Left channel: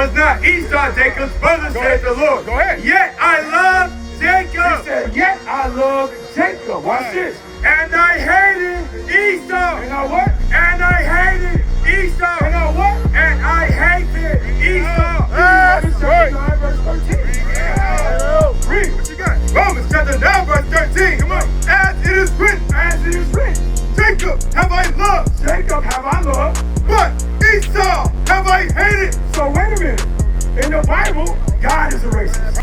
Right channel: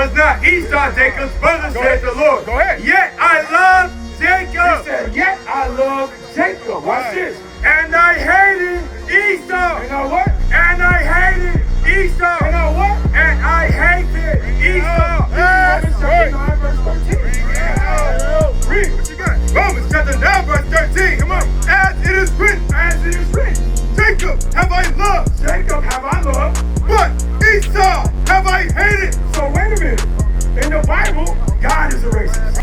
Was not Esau Jacob's brother, said the Lord. Go ahead. Yet I love Jacob. He said, yet I love Jacob. Watch this. And I hated Esau. And I what? And I hated Esau. And I what? And I hated Esau. That's right. Read what you got. Romans chapter 9 verse 13. Come on. As it is written. As it is written. Jacob have I loved. Jacob have I loved. But Esau have I hated. So wait a minute. In the Bible, God is a racist.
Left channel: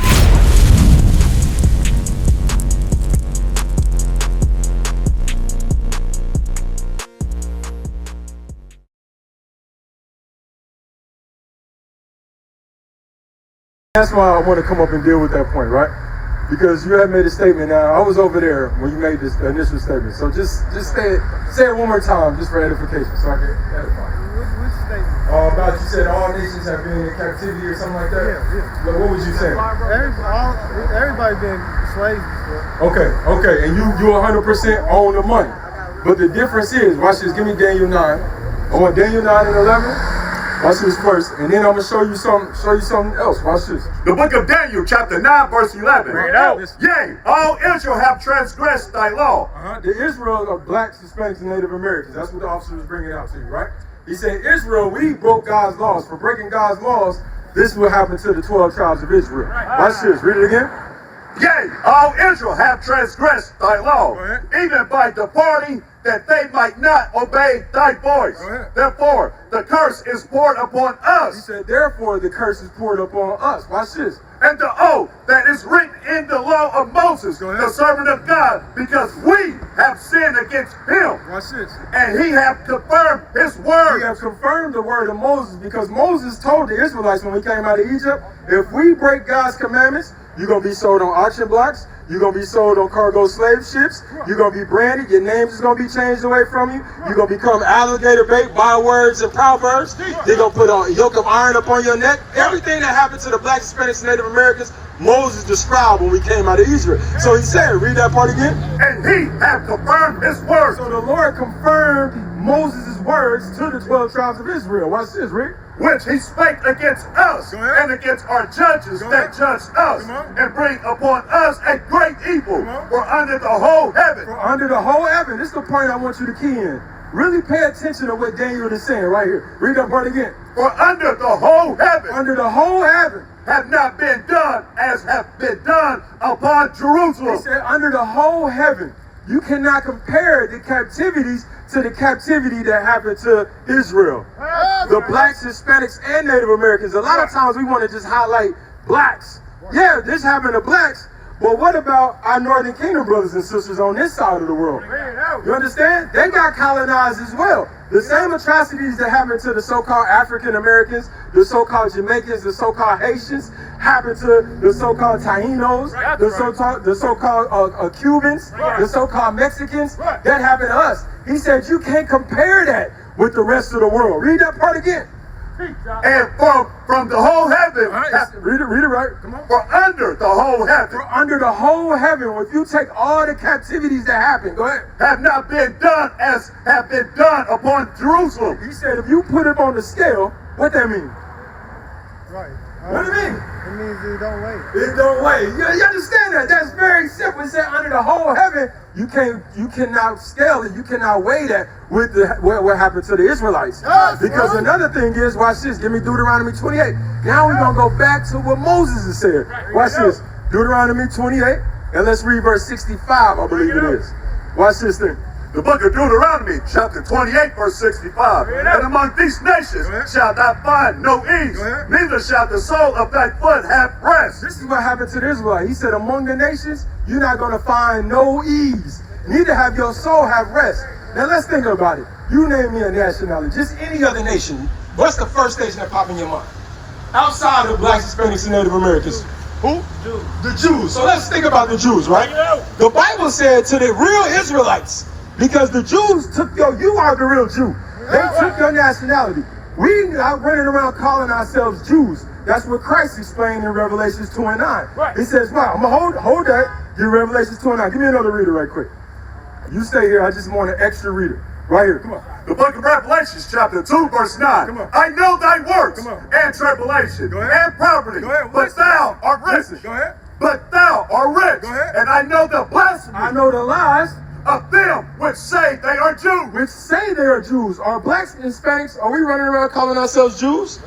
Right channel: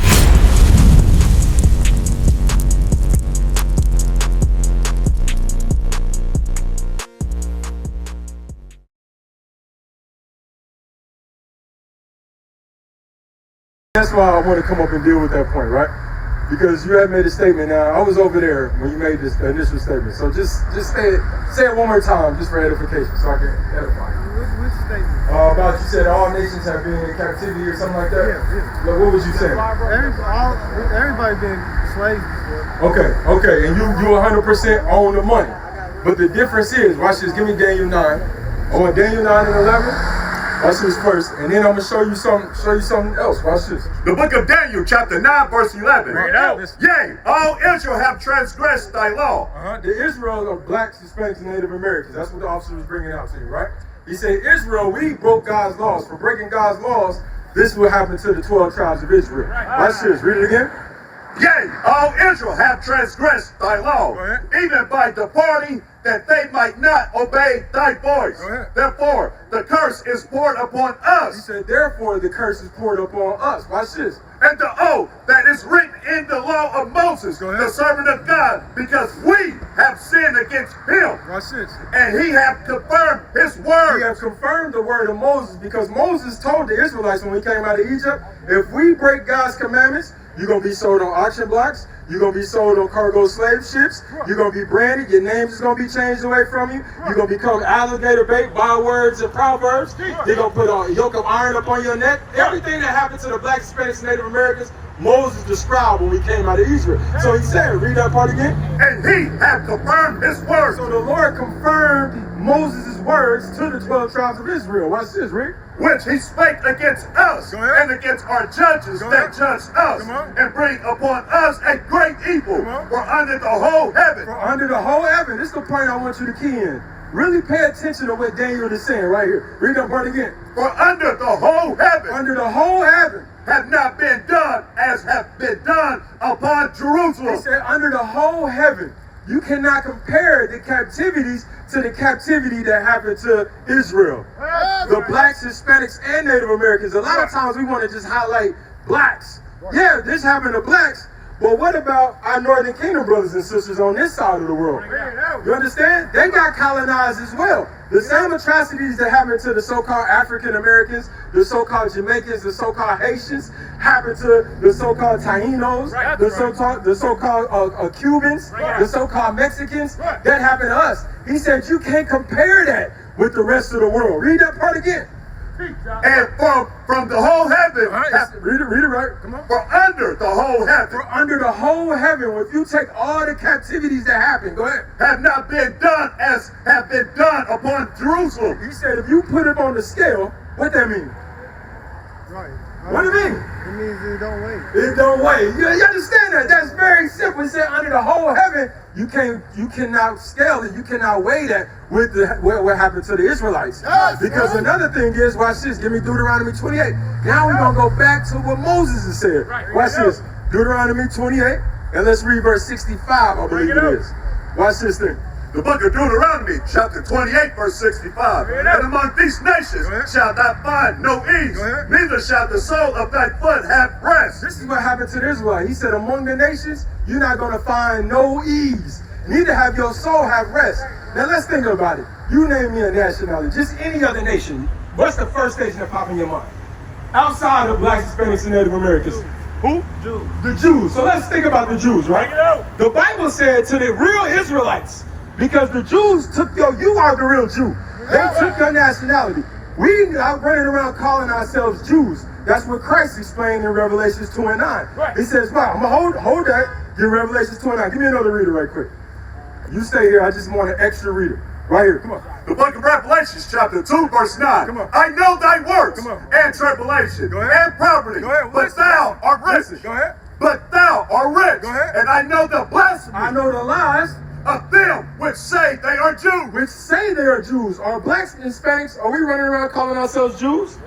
That's why I want to come up and deal with that point, right? Because you had made a statement. Now, I was over there when you made this initial statement. So just say it one more time, just for edification, so I can edify. Which statement? About you said all nations have been in captivity or something like that? Yeah. Like, what was you saying? Everybody been slaves before. Okay. And you 100% own the money. But the difference is, watch this, give me Daniel 9. I want Daniel 9 and 11. Watch this first, and then I'm gonna show you something else. Watch this. The book of Daniel, chapter 9, verse 11. Bring it out. Yea, all Israel have transgressed thy law. The Israel are blacks, Hispanics, and Native Americans. That's what the officer was bringing out to you, right? He said, Israel, we broke God's laws. For breaking God's laws, this will happen to the 12 tribes of Israel. Watch this. Read it again. Yea, all Israel have transgressed thy law, Go ahead. even by departing that they might not obey thy voice. Go ahead. Therefore, the curse is poured upon He us, said, therefore, the curse is poured upon us. Watch this. and the oath that is written in the law of Moses, Go ahead. the servant of God, because we have sinned against him, Watch this. and he hath confirmed his We word. have confirmed the word of Moses because Moses told the Israelites when we came out of Egypt, if we break God's commandments, you're going to be sold on auction blocks. You're going to be sold on cargo slave ships. You're going to be branded. Your name is going to be changed away from you. You're going to become alligator bait, bywords and proverbs. They're going to put a yoke of iron upon your neck. Everything that happened to the blacks, Hispanics, and Native Americans, Moses described when we came out of Israel. So he said, read that part again. And he hath confirmed his word. So the Lord confirmed Moses' words to the 12 tribes of Israel. Watch this, Rick. Which he spake against us Go ahead. and against our judges Go that ahead. judged us, Come on. and bring upon us a great evil. Come on. For under the whole heaven, For under the whole heaven, this is the point I want you to key in. Really pay attention to what Daniel is saying right here. Read that part again. for under the whole heaven Under the whole heaven. have not been done as have been done upon He Jerusalem. said under the whole heaven. You cannot compare the captivities to the captivity that happened to Israel. The blacks, Hispanics, and Native Americans. A lot of times we want to just highlight blacks. Yeah, this happened to blacks. But what about our Northern Kingdom brothers and sisters on this side of the world? You understand? They got colonized as well. The same atrocities that happened to the so-called African Americans, the so-called Jamaicans, the so-called Haitians, happened to the so-called Taínos, the so-called Cubans, the so-called Mexicans. That happened to us. He said you can't compare that with the rest of the world. Read that part again. And from the whole heaven, Read it right. Come on. for under the whole heaven, For under the whole heaven, if you take all the captivities that happened, go ahead. have not been done as have been done upon Jerusalem. He said if you put it on the scale, what that mean? Right. What do you mean? It means it don't weigh. It don't weigh. You understand that? That's very simple. He said under the whole heaven, you cannot scale it. You cannot weigh that with what happened to the Israelites. Because another thing is, watch this. Give me Deuteronomy 28. Now we're gonna go back to what Moses has said. Watch this. Deuteronomy 28, and let's read verse 65. I believe it is. Watch this thing. The book of Deuteronomy, chapter 28, verse 65. And among these nations shalt thou find no ease, neither shall the sole of thy foot have rest. This is what happened to the Israelites. He said, among the nations, you're not going to find no ease. Neither have your soul have rest. Now let's think about it. You name me a nationality, just any other nation. What's the first nation that popped in your mind? Outside of blacks, Hispanics, and Native Americans. Who? The Jews. So let's think about the Jews, right? The Bible said to the real Israelites, because the Jews took you are the real Jew. They took your nationality. We are running around calling ourselves Jews. That's what Christ explained in Revelations 2 and 9. He says, wow, I'm going to hold that. Give Revelations 2 and 9. Give me another reader right quick. You stay here. I just want an extra reader. Right here, come on. The book of Revelation, chapter 2, verse 9. Come on. I know thy works Come on. and tribulation Go ahead. and poverty, Go ahead. but Listen. thou art rich. Listen. Go ahead. But thou art rich. Go ahead. And I know the blasphemy I know the lies of them which say they are Jews. which say they are Jews. Are blacks and Hispanics, are we running around calling ourselves Jews?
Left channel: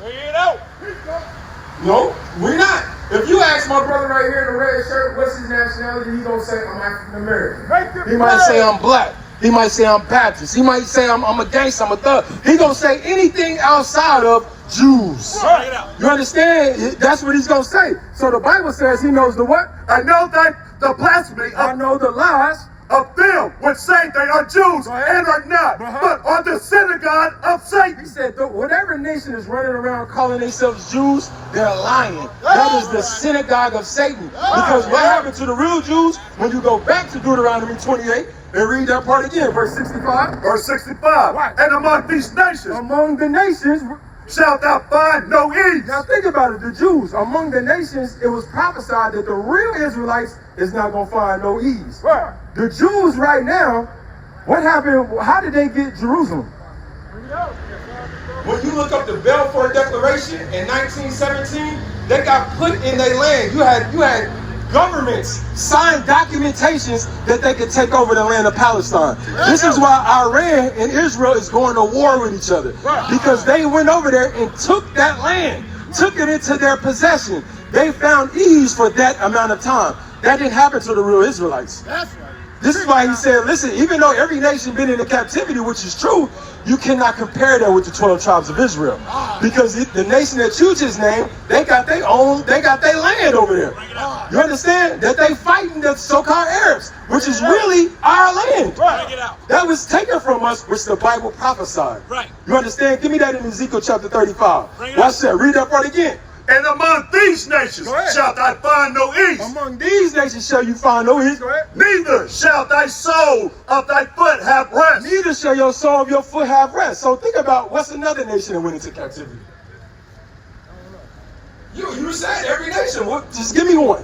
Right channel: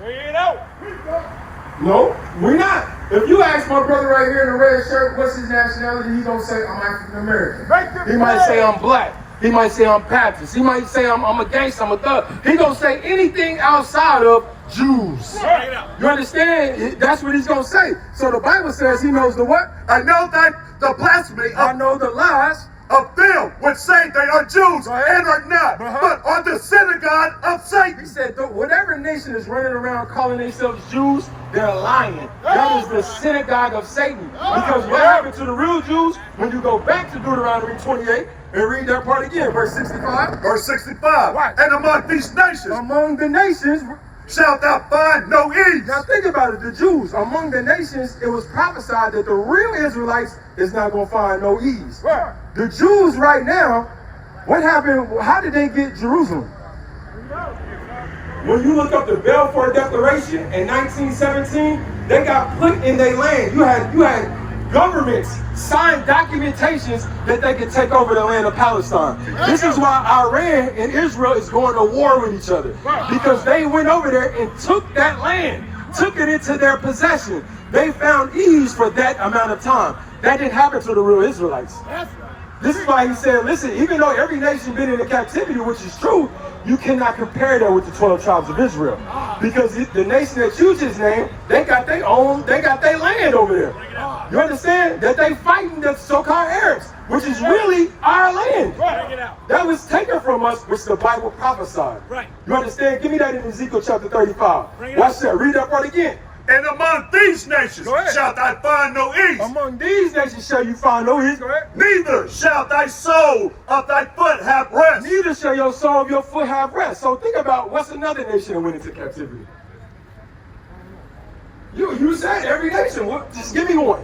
No, we're not. If you ask my brother right here in the red shirt, what's his nationality, he's gonna say, I'm African American. He might say I'm black. He might say I'm Baptist. He might say I'm a gangster, I'm a thug. He gonna say anything outside of Jews. You understand? That's what he's gonna say. So the Bible says he knows the what? I know that the blasphemy I of, know the lies. of them which say they are Jews Go ahead. and are not, Uh-huh. but are the synagogue of He Satan. said, whatever nation is running around calling themselves Jews, they're lying. That is the synagogue of Satan. Because what happened to the real Jews, when you go back to Deuteronomy 28 and read that part again, verse 65, Verse 65. Right. And among these nations among the nations, shalt thou find no ease. now think about it, the Jews, among the nations, it was prophesied that the real Israelites is not going to find no ease. Right. The Jews right now, what happened, how did they get Jerusalem? When you look up the Balfour Declaration in 1917, they got put in their land. You had governments sign documentations that they could take over the land of Palestine. This is why Iran and Israel is going to war with each other. Because they went over there and took that land, took it into their possession. They found ease for that amount of time. That didn't happen to the real Israelites. This is why he said, listen, even though every nation been in a captivity, which is true, you cannot compare that with the 12 tribes of Israel. Because the nation that you just named, they got their land over there. You understand? That they fighting the so-called Arabs, which is really our land. That was taken from us, which the Bible prophesied. You understand? Give me that in Ezekiel chapter 35. Watch that. Read that part again. And among these nations Go ahead. shalt thou find no ease. Among these nations shall you find no ease. Go ahead. Neither shall thy soul of thy foot have rest. Neither shall your soul of your foot have rest. So think about what's another nation that went into captivity. You said every nation. Just give me one.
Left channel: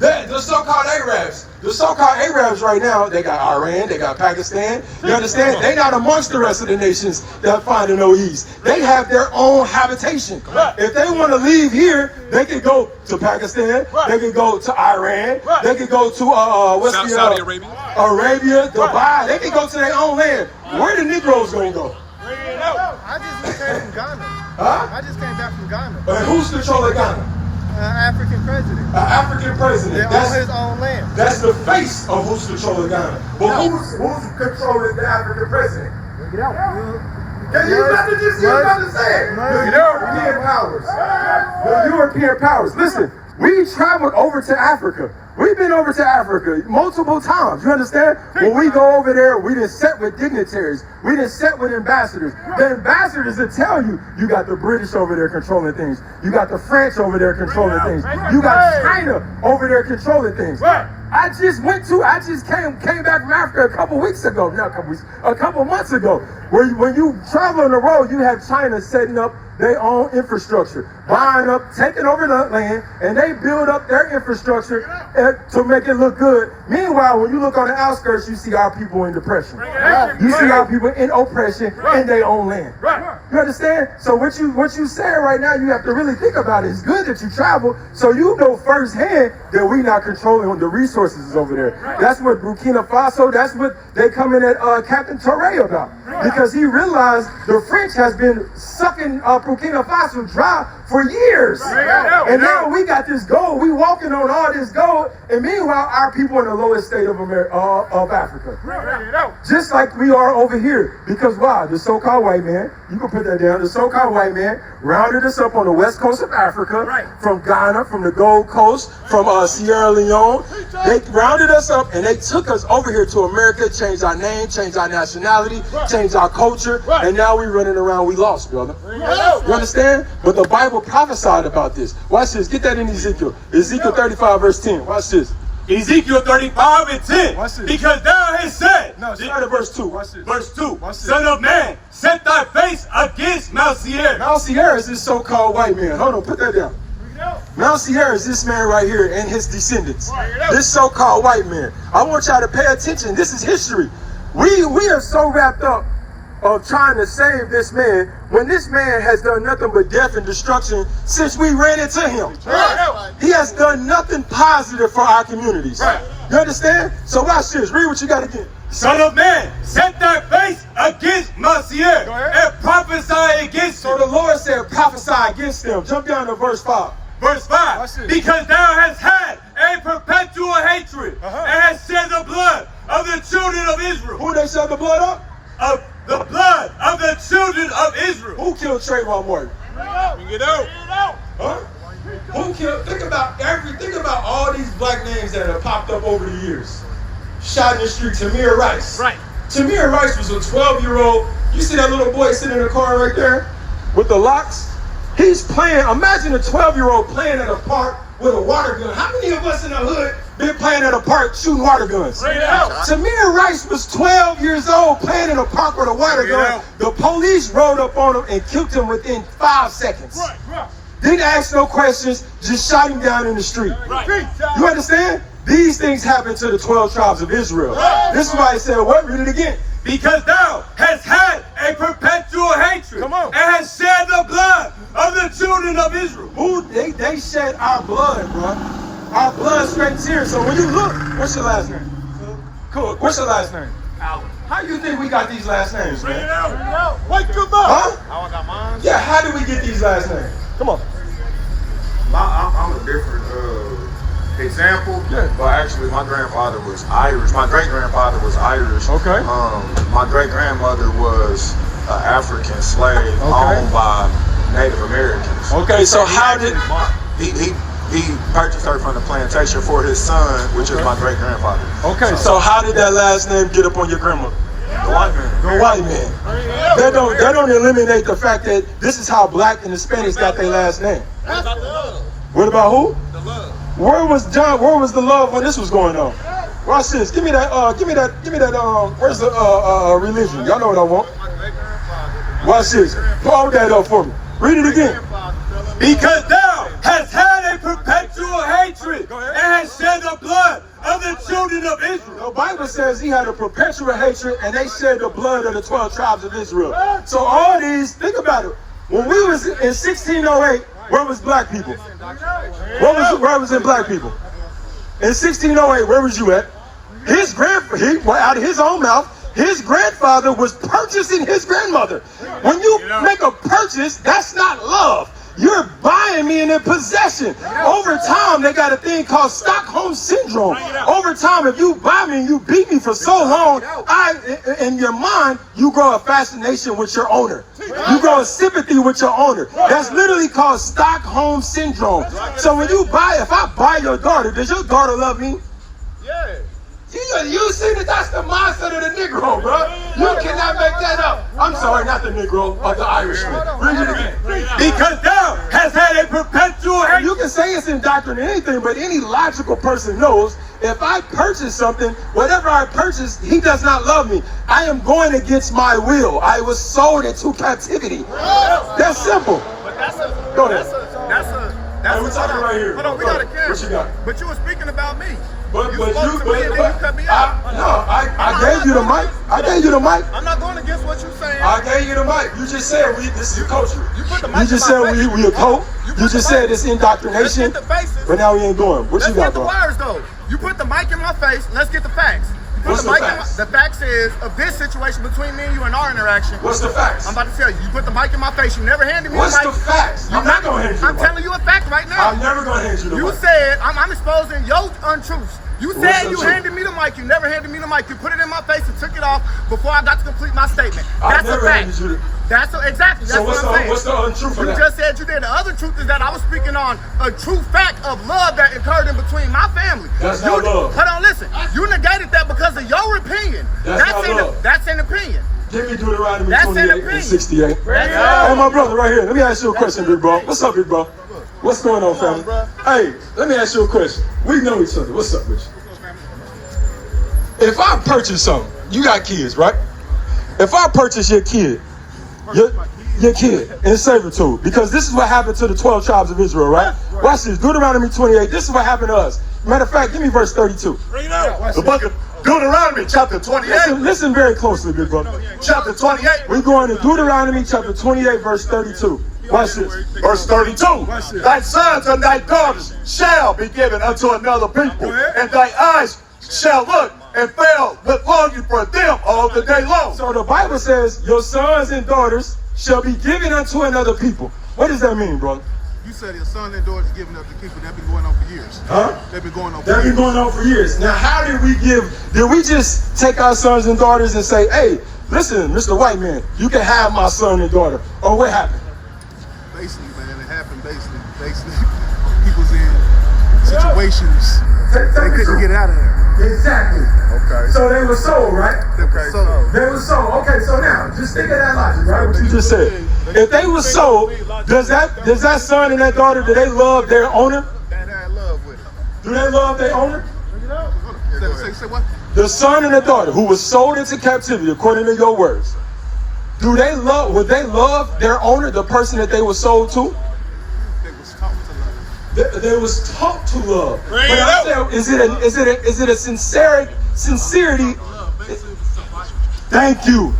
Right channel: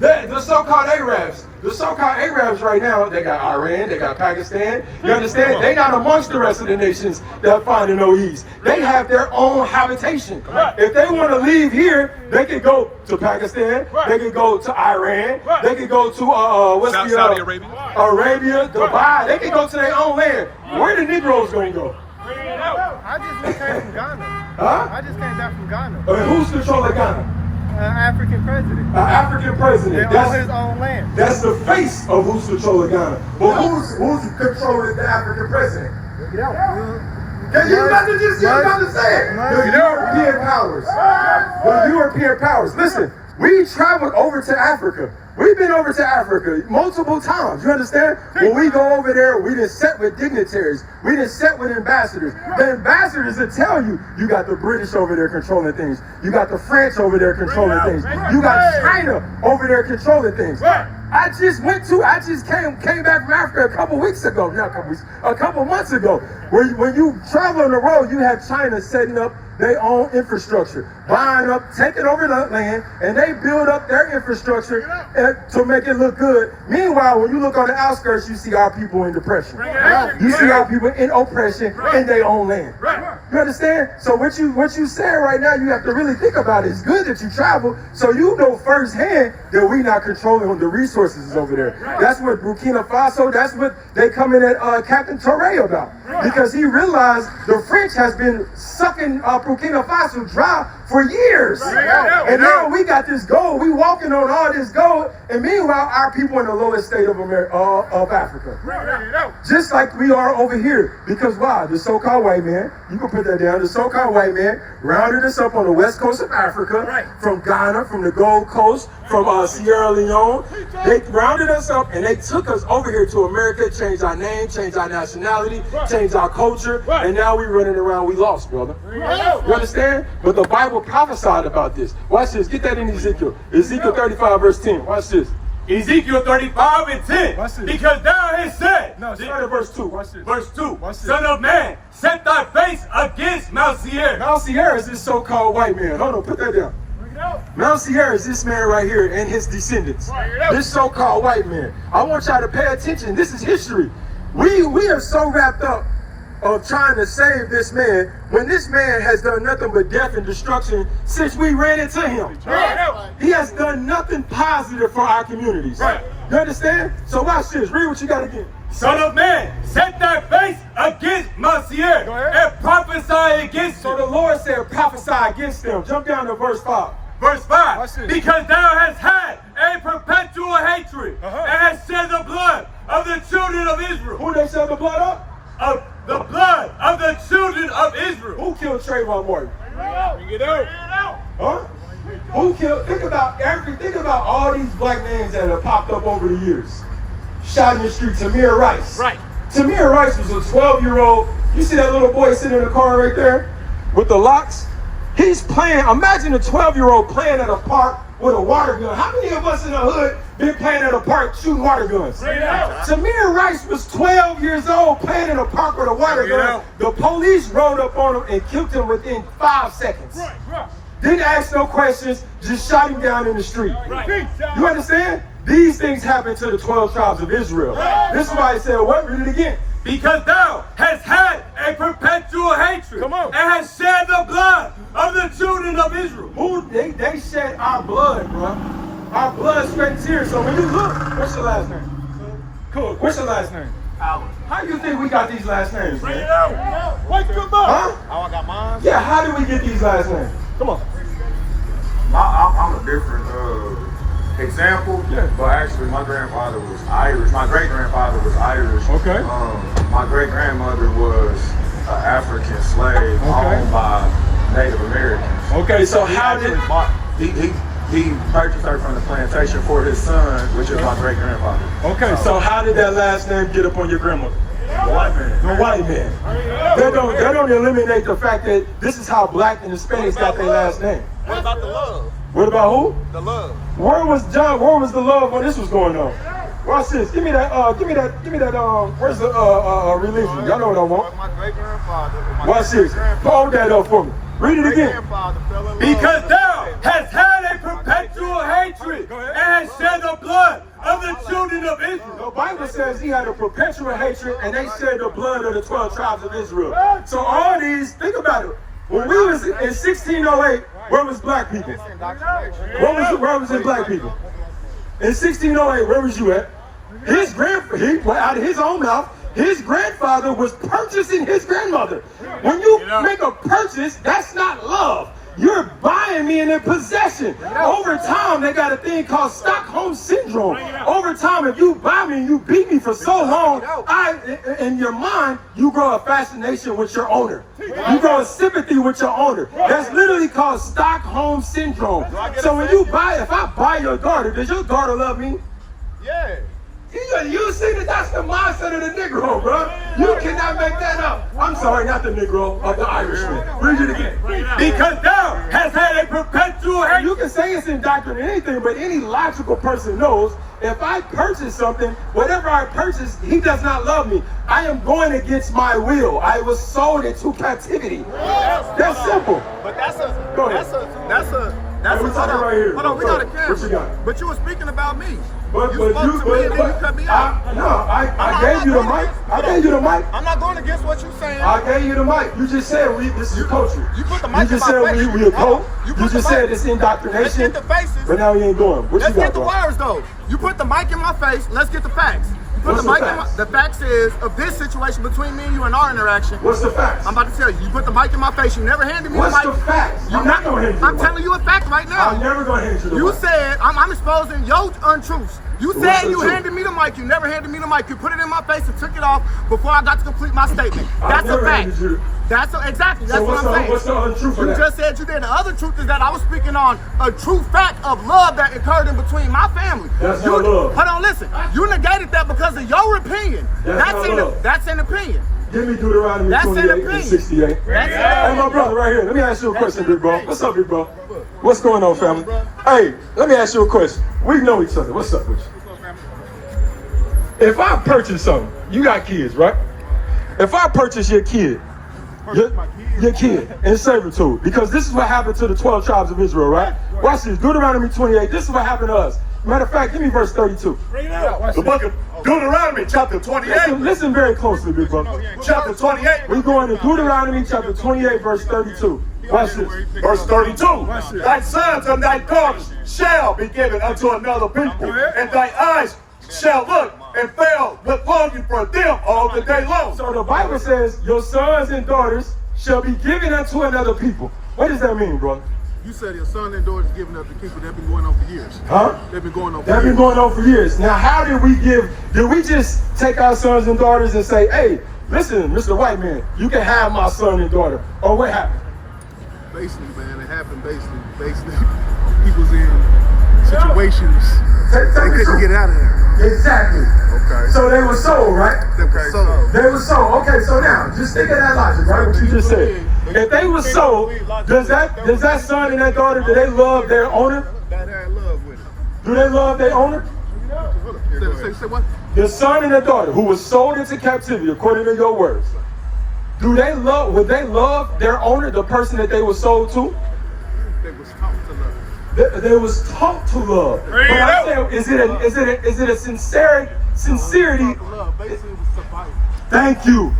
The so-called Arabs. The so-called Arabs right now, they got Iran, they got Pakistan. You understand? They not amongst the rest of the nations that find no ease. They have their own habitation. If they want to leave here, they can go to Pakistan. They can go to Iran. They can go to Saudi Arabia. Arabia, Dubai. They can go to their own land. Where the Negroes gonna go? I just came from Ghana. Huh? I just came back from Ghana. Who's controlling Ghana? African president. An African president. They own his own land. That's the face of who's controlling Ghana. But who's controlling the African president? Get out. Can you imagine this? You understand? The European powers. The European powers. Listen, we traveled over to Africa. We've been over to Africa multiple times. You understand? When we go over there, we done sat with dignitaries. We done sat with ambassadors. The ambassadors will tell you, you got the British over there controlling things. You got the French over there controlling things. You got China over there controlling things. I just came back from Africa a couple weeks ago. Not a couple weeks, a couple months ago. When you travel on the road, you have China setting up their own infrastructure, buying up, taking over the land, and they build up their infrastructure to make it look good. Meanwhile, when you look on the outskirts, you see our people in depression. You see our people in oppression in their own land. You understand? So what you saying right now, you have to really think about it. It's good that you travel, so you know firsthand that we not controlling the resources over there. That's what Burkina Faso, that's what they come in at Captain Touré about. Because he realized the French has been sucking Burkina Faso dry for years. And now we got this gold. We walking on all this gold. And meanwhile, our people in the lowest state of Africa. Just like we are over here. Because why? The so-called white man, you can put that down, the so-called white man rounded us up on the west coast of Africa, from Ghana, from the Gold Coast, from Sierra Leone. They rounded us up and they took us over here to America, changed our name, changed our nationality, changed our culture, and now we running around, we lost, brother. You understand? But the Bible prophesied about this. Watch this. Get that in Ezekiel. Ezekiel 35 verse 10. Watch this. Ezekiel 35 and 10. Watch this. Because thou hast said. No, start at verse 2. Watch this. Verse 2. Watch this. Son of man, set thy face against Mount Seir. Mount Seir is this so-called white man. Hold on, put that down. Mount Seir is this man right here and his descendants. This so-called white man. I want y'all to pay attention. This is history. We are so wrapped up of trying to save this man when this man has done nothing but death and destruction since we ran into him. He has done nothing positive for our communities. You understand? So watch this. Read what you got to get. Son of man, set thy face against Messiah and prophesy against So him. the Lord said, prophesy against them. Jump down to verse 5. Verse 5. Because thou hast had a perpetual hatred and hast shed the blood of the children of Israel. Who they shed the blood of? Of the blood of the children of Israel. Who killed Trayvon Martin? Get out. Huh? Who killed? Think about all these black names that have popped up over the years. Shot in the street, Tamir Rice. Right. Tamir Rice was a 12-year-old. You see that little boy sitting in the car right there with the locks? He's playing, imagine a 12-year-old playing at a park with a water gun. How many of us in the hood been playing at a park shooting water guns? Straight out. Tamir Rice was 12 years old playing in a park with a water gun. The police rolled up on him and killed him within 5 seconds. Right. Didn't ask no questions, just shot him down in the street. Right. You understand? These things happened to the 12 tribes of Israel. This is why he said, what? Read it again. Because thou hast had a perpetual hatred and hast shed the blood of the children of Israel. Who they shed our blood, bro. Our blood sweat and tears. So when you look, what's your last name? Cool. What's your last name? Allen. How you think we got these last names, Bring man? it out. Wake them up. Huh? I got mine. Yeah, how did we get these last names? Come on. I'm a different example, but actually my grandfather was Irish. My great-grandfather was Irish. Okay. My great-grandmother was an African slave owned by Native Americans. Okay, so how did... He purchased her from the plantation for his son, which is my great-grandfather. Okay, so how did that last name get up on your grandmother? The white man. The white man. They don't eliminate the fact that this is how black and Hispanics got their last name. What about the love? What about who? The love. Where was the love when this was going on? Watch this. Give me that, where's the religion? Y'all know what I want. My great-grandfather. Watch this. Hold that up for me. Read it again. Because thou hast had a perpetual hatred and hast shed the blood of the children of Israel. The Bible says he had a perpetual hatred and they shed the blood of the 12 tribes of Israel. So all these, think about it. When we was in 1608, where was black people? Where was it black people? In 1608, where was you at? Out of his own mouth, his grandfather was purchasing his grandmother. When you make a purchase, that's not love. You're buying me in possession. Over time, they got a thing called Stockholm syndrome. Over time, if you buy me and you beat me for so long, in your mind, you grow a fascination with your owner. You grow a sympathy with your owner. That's literally called Stockholm syndrome. So when you if I buy your daughter, does your daughter love me? Yeah. You see that that's the mindset of the Negro, bro. You cannot make that up. I'm sorry, not the Negro, but the Irishman. Read it again. Because thou hast had a perpetual hatred. You can say it's indoctrinated anything, but any logical person knows if I purchase something, whatever I purchase, he does not love me. I am going against my will. I was sold into captivity. That's simple. Go ahead. That's we're talking right here. Hold on, we got a camera. What you got? But you were speaking about me. But you spoke to me and then you cut me out. I gave you the mic. I gave you the mic. I'm not going against what you're saying. I gave you the mic. You just said this is a culture. You put the mic You just in said my face. we a cult. You just said it's indoctrination. Let's get the faces. But now we ain't doing. What Let's you got get the going? words though. You put the mic in my face. Let's get the facts. You put What's the the mic in facts? the facts is of this situation between me and you and our interaction. What's the facts? I'm about to tell you. You put the mic in my face. You never handed me What's the the mic. facts? You're not gonna hand you the I'm mic. telling you a fact right now. I'm never gonna hand you the You mic. said I'm exposing your untruths. You What's said the you truth? handed me the mic. You never handed me the mic. You put it in my face and took it off before I got to complete my statement. I That's a never fact. handed you the. Exactly. That's So what I'm saying. what's the untruth of You that? just said you did. The other truth is that I was speaking on a true fact of love that occurred in between my family. That's not love. Hold on, listen. You negated that because of your opinion. That's not love. That's an opinion. Give me Deuteronomy That's an 28 and opinion. 68. Hey, my brother, right here. Let me ask you a question, big bro. What's up, big bro? What's going on, family? Hey, let me ask you a question. We know each other. What's up with you? If I purchase something, you got kids, right? If I purchase your kid, your kid in servitude, because this is what happened to the 12 tribes of Israel, right? Watch this. Deuteronomy 28. This is what happened to us. Matter of fact, give me verse 32. Bring it out. The book of Deuteronomy chapter 28. Listen very closely, big brother. Chapter 28. We're going to Deuteronomy chapter 28, verse 32. Watch this. Verse 32. Watch this. Thy sons and thy daughters shall be given unto another people, and thy eyes shall look and fail with longing for them all the day long. So the Bible says, your sons and daughters shall be given unto another people. What does that mean, brother? You said your son and daughters giving up to people. They've been going on for years. Huh? They've been going on for They've years. been going on for years. Now, how did we just take our sons and daughters and say, hey, listen, Mr. White Man, you can have my son and daughter? Or what happened? Basically, man, it happened basically. People's in situations they couldn't get out of there. Exactly. Okay. So they were sold, right? Okay. They were sold. Okay, so now, just think of that logic, right? What you just said. If they were sold, does that son and that daughter, do they love their owner? That had love with it. Do they love their owner? Say what? The son and the daughter who was sold into captivity, according to your words, would they love their owner, the person that they were sold to? They was taught to love. They was taught to love. But I said, is it a sincerity? Thank you.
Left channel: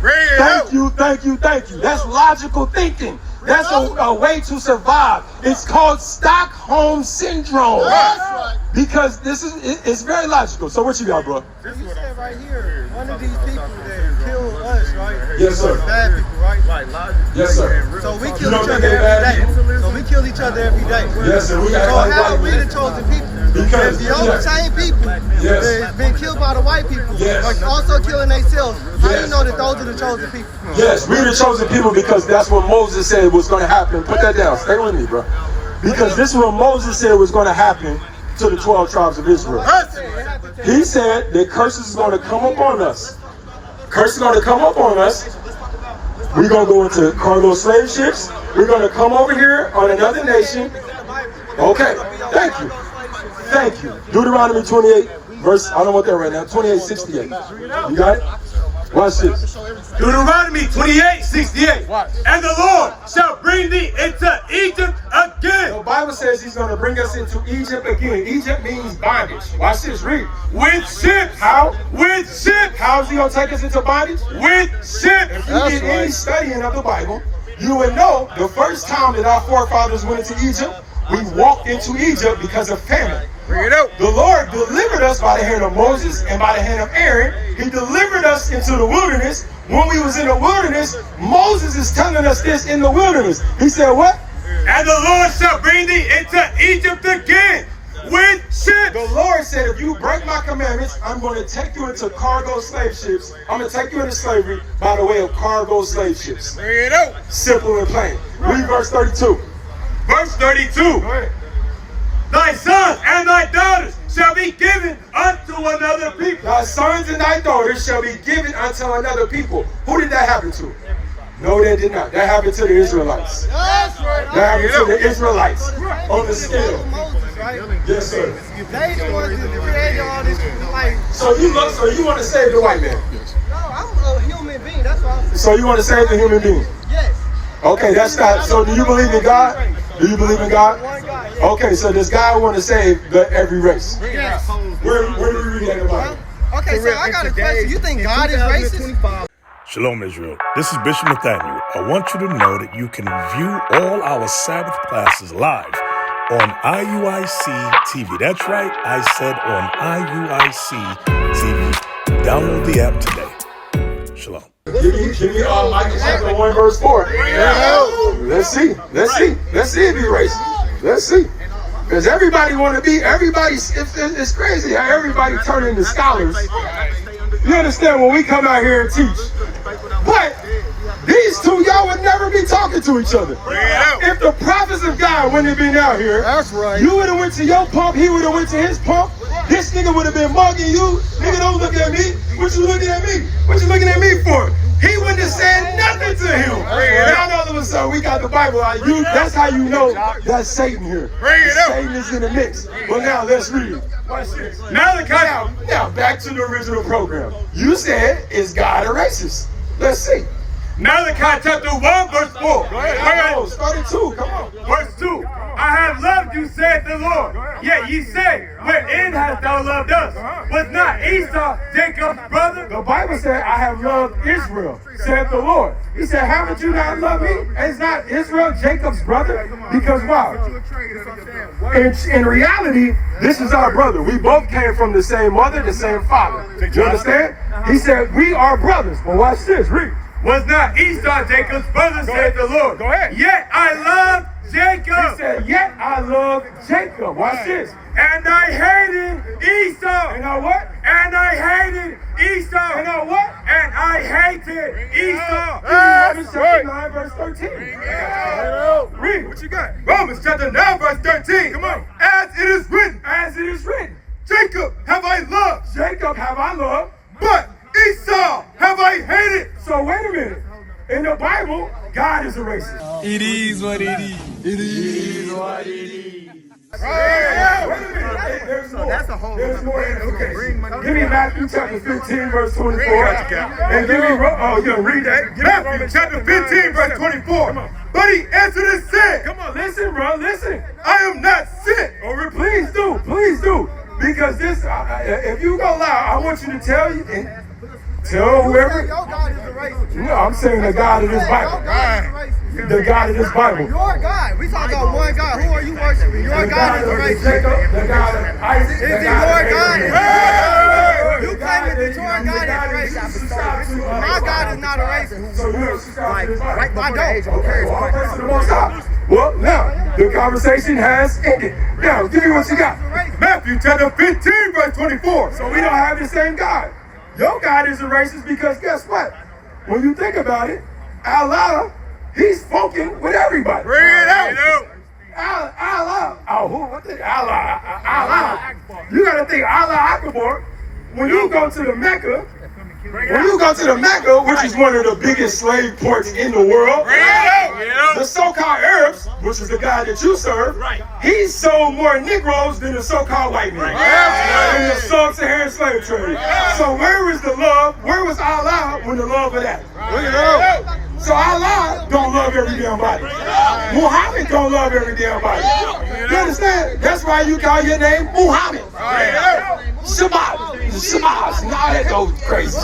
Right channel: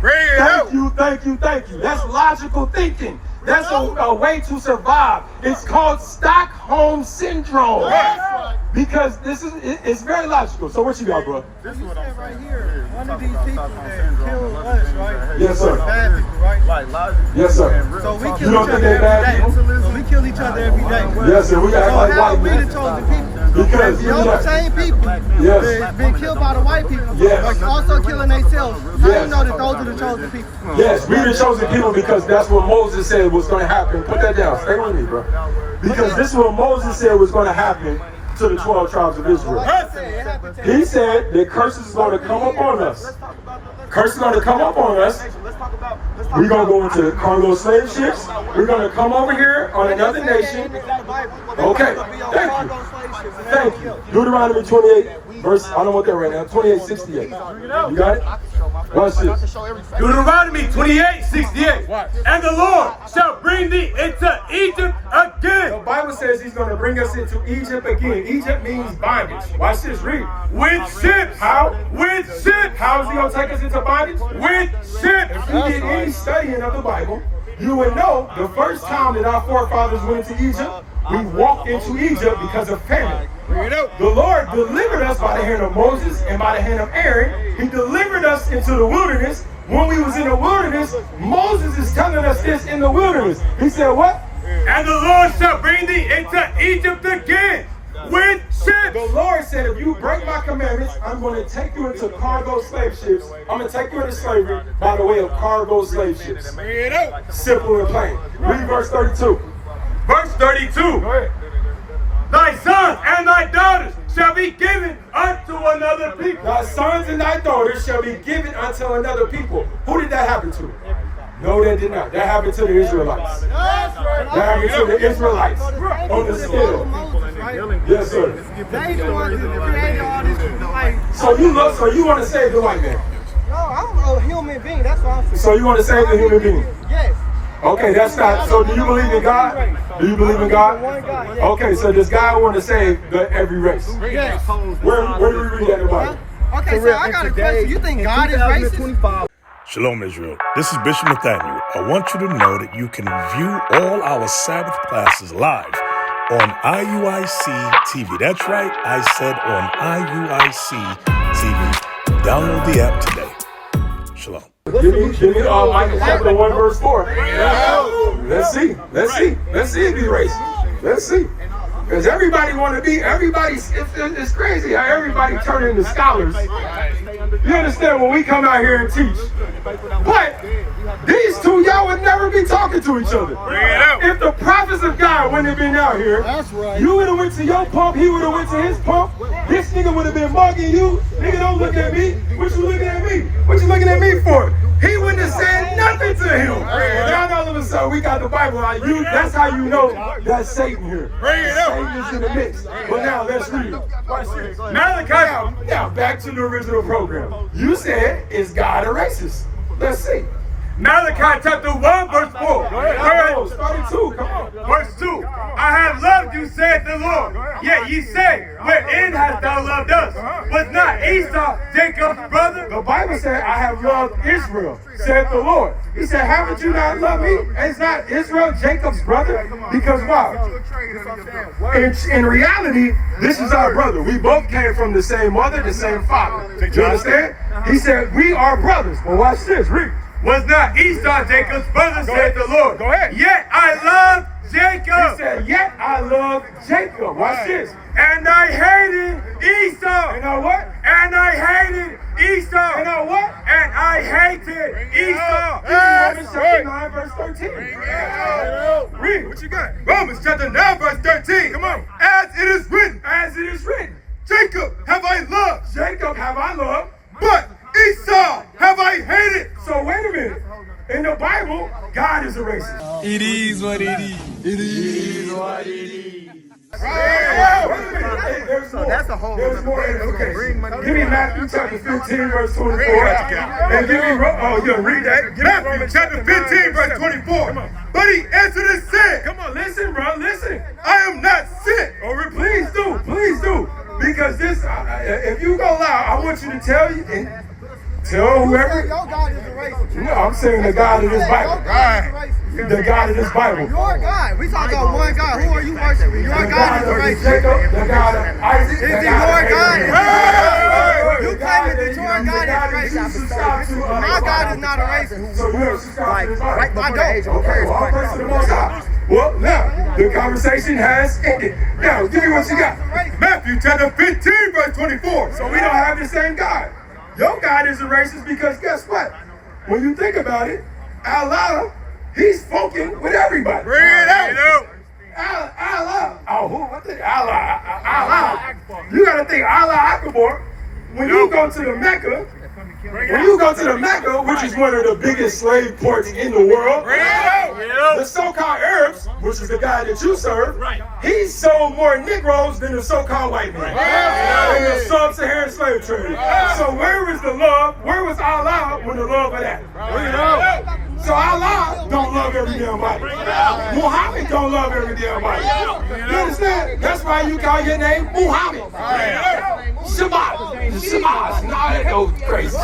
Thank you. That's logical thinking. That's a way to survive. It's called Stockholm syndrome. Because it's very logical. So what you got, bro? You said right here, one of these people that killed us, right? Yes, sir. Bad people, right? Yes, sir. So we kill each other every day. So we kill each other every day. Yes, sir. So how are we the chosen people? Because If the same people that's been killed by the white people, Yes. like also killing themselves, how do Yes. you know that those are the chosen people? Yes, we the chosen people because that's what Moses said was going to happen. Put that down. Stay with me, bro. Because this is what Moses said was going to happen to the 12 tribes of Israel. He said that curses is going to come up on us. Curses is going to come up on us. We're going to go into cargo slave ships. We're going to come over here on another nation. Okay, thank you. Thank you. Deuteronomy 28, verse, I don't want that right now, 28:68. You got it? Watch this. Deuteronomy 28:68. And the Lord shall bring thee into Egypt again. The Bible says he's going to bring us into Egypt again. Egypt means bondage. Watch this, read. With ships. How? With ships. How is he going to take us into bondage? With ships. If you did any studying of the Bible, you would know the first time that our forefathers went into Egypt, we walked into Egypt because of famine. The Lord delivered us by the hand of Moses and by the hand of Aaron. He delivered us into the wilderness. When we was in the wilderness, Moses is telling us this in the wilderness. He said what? And the Lord shall bring thee into Egypt again with ships. The Lord said, if you break my commandments, I'm going to take you into cargo slave ships. I'm going to take you into slavery by the way of cargo slave ships. Simple and plain. Read verse 32. Verse 32. Go ahead. Thy sons and thy daughters shall be given unto another people. Thy sons and thy daughters shall be given unto another people. Who did that happen to? No, that did not. That happened to the Israelites. That happened to the Israelites on the scale. Moses, right? Yes, sir. They the ones that created all this, like, So you want to save the white man? no, I'm a human being, that's what I'm saying. So you want to save the human being? Yes. Okay, that's not. So do you believe in God? Do you believe in God? Okay, so does God want to save every race? Yes. Where do we read that in the Bible? Okay, so I got a question. You think God is racist? Shalom, Israel. This is Bishop Nathaniel. I want you to know that you can view all our Sabbath classes live on IUIC TV. That's right, I said on IUIC TV. Download the app today. Shalom. Give me Micah chapter 1 verse 4. Let's see if he racist. Let's see. Because everybody want to be, it's crazy how everybody turn into scholars. You understand when we come out here and teach. But these two, y'all would never be talking to each other. If the prophets of God wouldn't have been out here, That's right. you would have went to your pump, he would have went to his pump. This nigga would have been mugging you. Nigga, don't look at me. What you looking at me? What you looking at me for? He wouldn't have said nothing to him. Now all of a sudden we got the Bible. That's how you know that's Satan here. Satan is in the mix. But now let's read it. Watch this. Malachi. Now back to the original program. You said, is God a racist? Let's see. Malachi chapter 1 verse 4. Go ahead. Start at 2. Come on. Verse 2. I have loved loved you, saith the Lord. Yet ye say, wherein hast thou loved us? Was not Esau Jacob's brother? The Bible said, I have loved Israel, said the Lord. He said, haven't you not loved me? Is not Israel Jacob's brother? Because why? In reality, this is our brother. We both came from the same mother, the same father. You understand? He said, we are brothers. Well, watch this. Read. Was not Esau Jacob's brother, said the Lord. Go ahead. Yet I love Jacob. He said, yet I love Jacob. Watch this. And I hated Esau. And I what? And I hated Esau. And I what? And I hated Esau. Romans chapter 9, verse 13. Read. What you got? Romans chapter 9, verse 13. Come on. As it is written. As it is written. Jacob have I loved. Jacob have I loved. But Esau have I hated. So wait a minute. In the Bible, God is a racist. It is what it is. It is what it is. So that's a whole There's more okay. Give me Matthew chapter 15, verse 24. And give me, read that. Matthew chapter 15, verse 24. But he answered and said, Come on, listen, bro, listen. I am not sent. Or please do. Because this, if you go loud, I want you to tell whoever. No, I'm saying the God of this Bible. The God of this Bible. Your God. We talk about one God. Who are you worshiping? Your God is a racist. The God of Isaac. Is it your God? You claim that your God is a racist. My God is not a racist. Like, right before the age of Aquarius. Well, now, the conversation has ended. Now, give me what you got. Matthew chapter 15, verse 24. So we don't have the same God. Your God is a racist because guess what? When you think about it, Allah, he's funking with everybody. Bring it out. Allah. Oh, who? What the? Allah. You got to think Allah Akbar. When you go to the Mecca, which is one of the biggest slave ports in the world, the so-called Arabs, which is the guy that you serve, he sold more Negroes than the so-called white man in the sub-Saharan slave trade. So where was the love? Where was Allah when the love of that? So Allah don't love every damn body. Muhammad don't love every damn body. You understand? That's why you call your name Muhammad. Shabbat. No, that goes crazy.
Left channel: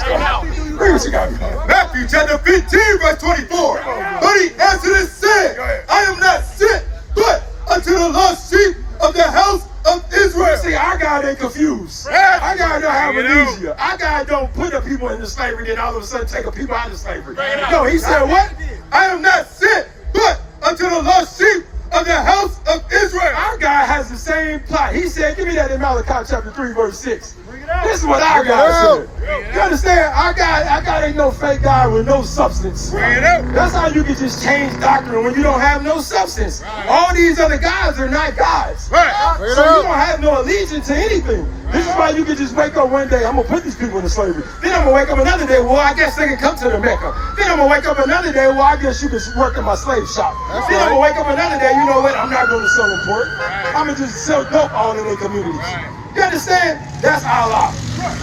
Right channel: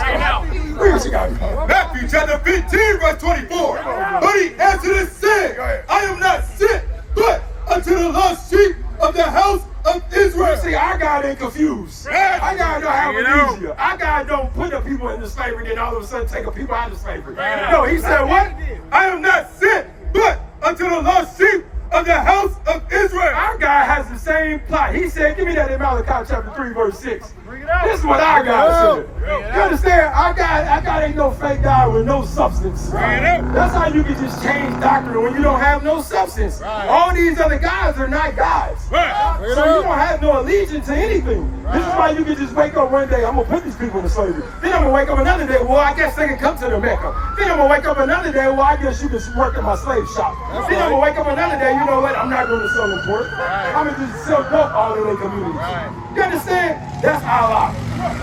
Read what you got. Matthew chapter 15, verse 24. But he answered and said, I am not sent, but unto the lost sheep of the house of Israel. See, our God ain't confused. Our God don't have amnesia. Our God don't put the people into slavery, then all of a sudden take the people out of slavery. No, he said what? I am not sent, but unto the lost sheep of the house of Israel. Our God has the same plot. He said, give me that in Malachi chapter 3, verse 6. This is what our God said. You understand? Our God ain't no fake God with no substance. That's how you can just change doctrine when you don't have no substance. All these other gods are not gods. So you don't have no allegiance to anything. This is why you can just wake up one day, I'm going to put these people into slavery. Then I'm going to wake up another day, well, I guess they can come to the Mecca. Then I'm going to wake up another day, well, I guess you can work in my slave shop. Then I'm going to wake up another day, you know what, I'm not going to sell them pork. I'm going to just sell dope all in their communities. You understand? That's Allah.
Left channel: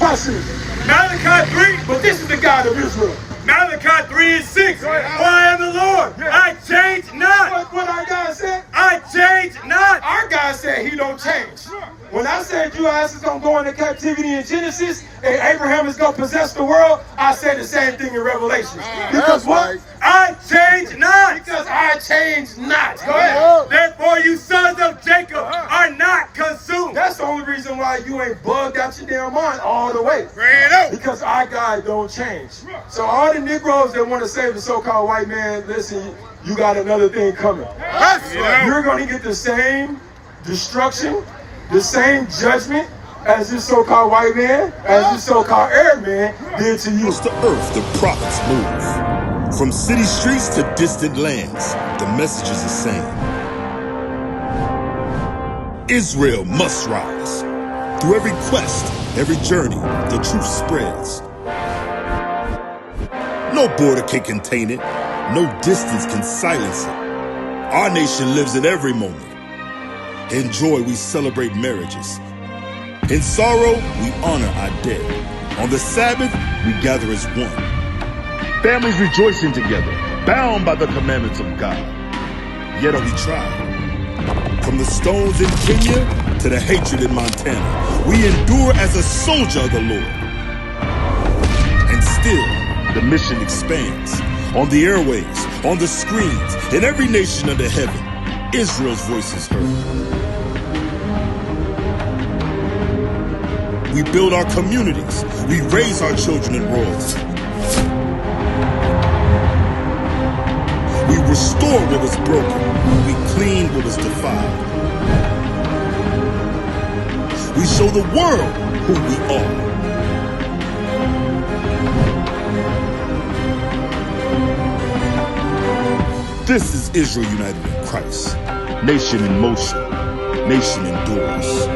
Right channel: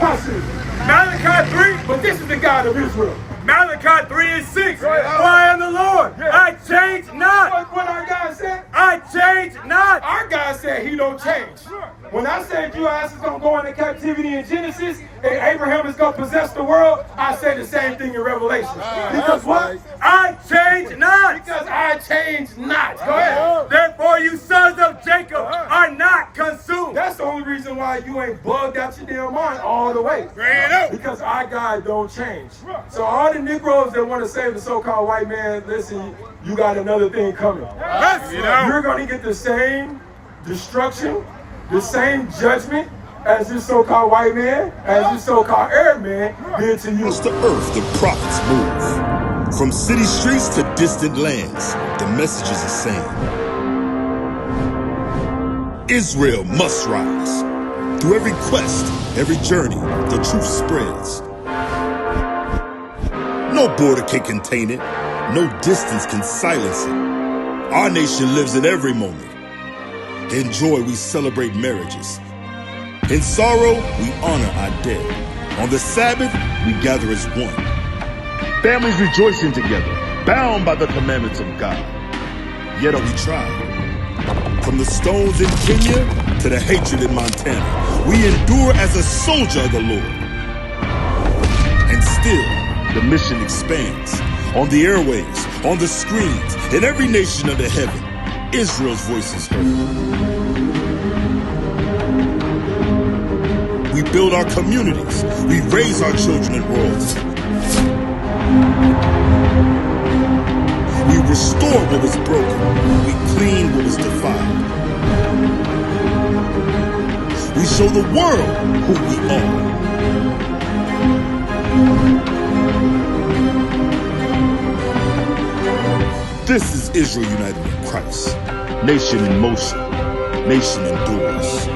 Watch this. Malachi 3. But this is the God of Israel. Malachi 3 and 6. For I am the Lord. I change not. What our God said? I change not. Our God said he don't change. When I said you asses don't go into captivity in Genesis and Abraham is going to possess the world, I said the same thing in Revelation. Because what? I change not. Because I change not. Go ahead. Therefore you sons of Jacob are not consumed. That's the only reason why you ain't bugged out your damn mind all the way. Because our God don't change. So all the Negroes that want to save the so-called white man, listen, you got another thing coming. You're going to get the same destruction, the same judgment as this so-called white man, as this so-called Arab man did to you. Across the earth, the prophets move. From city streets to distant lands, the message is the same. Israel must rise. Through every quest, every journey, the truth spreads. No border can contain it. No distance can silence it. Our nation lives in every moment. In joy, we celebrate marriages. In sorrow, we honor our dead. On the Sabbath, we gather as one. Families rejoicing together, bound by the commandments of God. Yet are we tried? From the stones in Kenya to the hatred in Montana, we endure as a soldier of the Lord. And still, the mission expands. On the airwaves, on the screens, in every nation under heaven, Israel's voice is heard. We build our communities. We raise our children in royalty. We restore what was broken. We clean what was defiled. We show the world who we are. This is Israel united in Christ. Nation in motion. Nation endures.